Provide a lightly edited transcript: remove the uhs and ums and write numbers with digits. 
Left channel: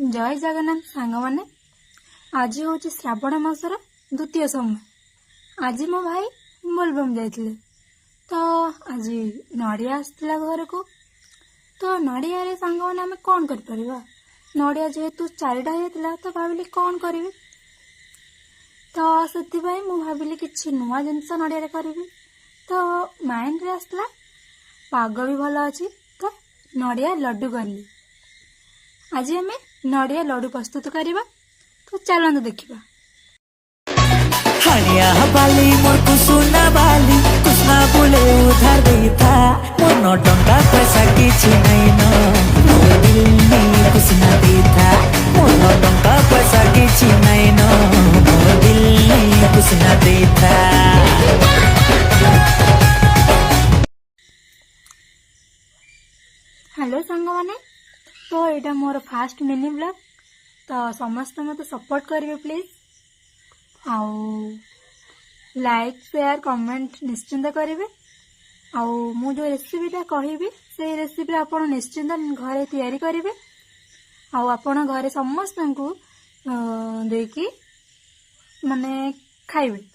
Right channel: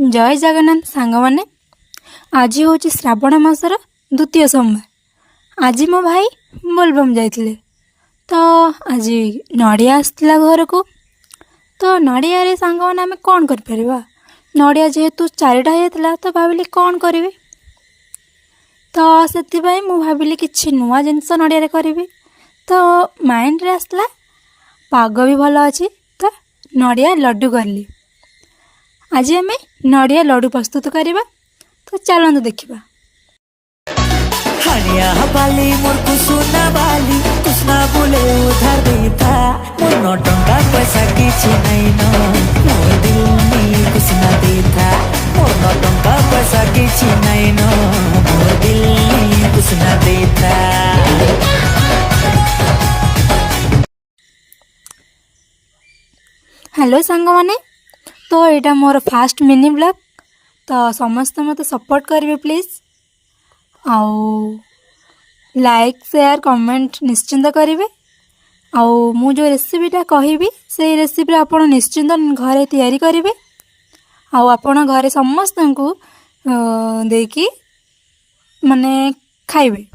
जय जगन्नाथ सांग मैंने आज हूँ श्रावण मासर द्वितीय सोमवार। आज मो भाई बोलबम जाइए तो आज नड़िया आसला घर को। तो नड़िया रे सांग मैंने आम कौन कर नड़िया जेहेतु चारिटा होता तो भाविली कौन करी तो से भाविली किसी नुआ जिनस नड़िया करी तो माइंड रे आसला पाग भी भल अच्छी तो नड़िया लड्डू करली। आज आम नड़िया लड्डू प्रस्तुत करवा तो चलते देखा। हनिया बाली मोर कुसुना बाली कुसना बोले उधार देता मोर न टंका पैसा किछि नहीं न मोर दिल में कुसना देता मोर न टंका पैसा किछि नहीं न मोर दिल में कुसना देता। हेलो सांग माने तो यहाँ मोर फास्ट मिनी ब्लॉग तो समस्त मत सपोर्ट करेंगे प्लीज आउ लाइक शेयर कमेंट निश्चिंत करेंगे। आउ मु जो रेसिपीटा कहबी से रेसिपी आपण निश्चिंत घरे तैयारी करेंगे आउ आपण घरे समस्त को देकी माने खाइबे।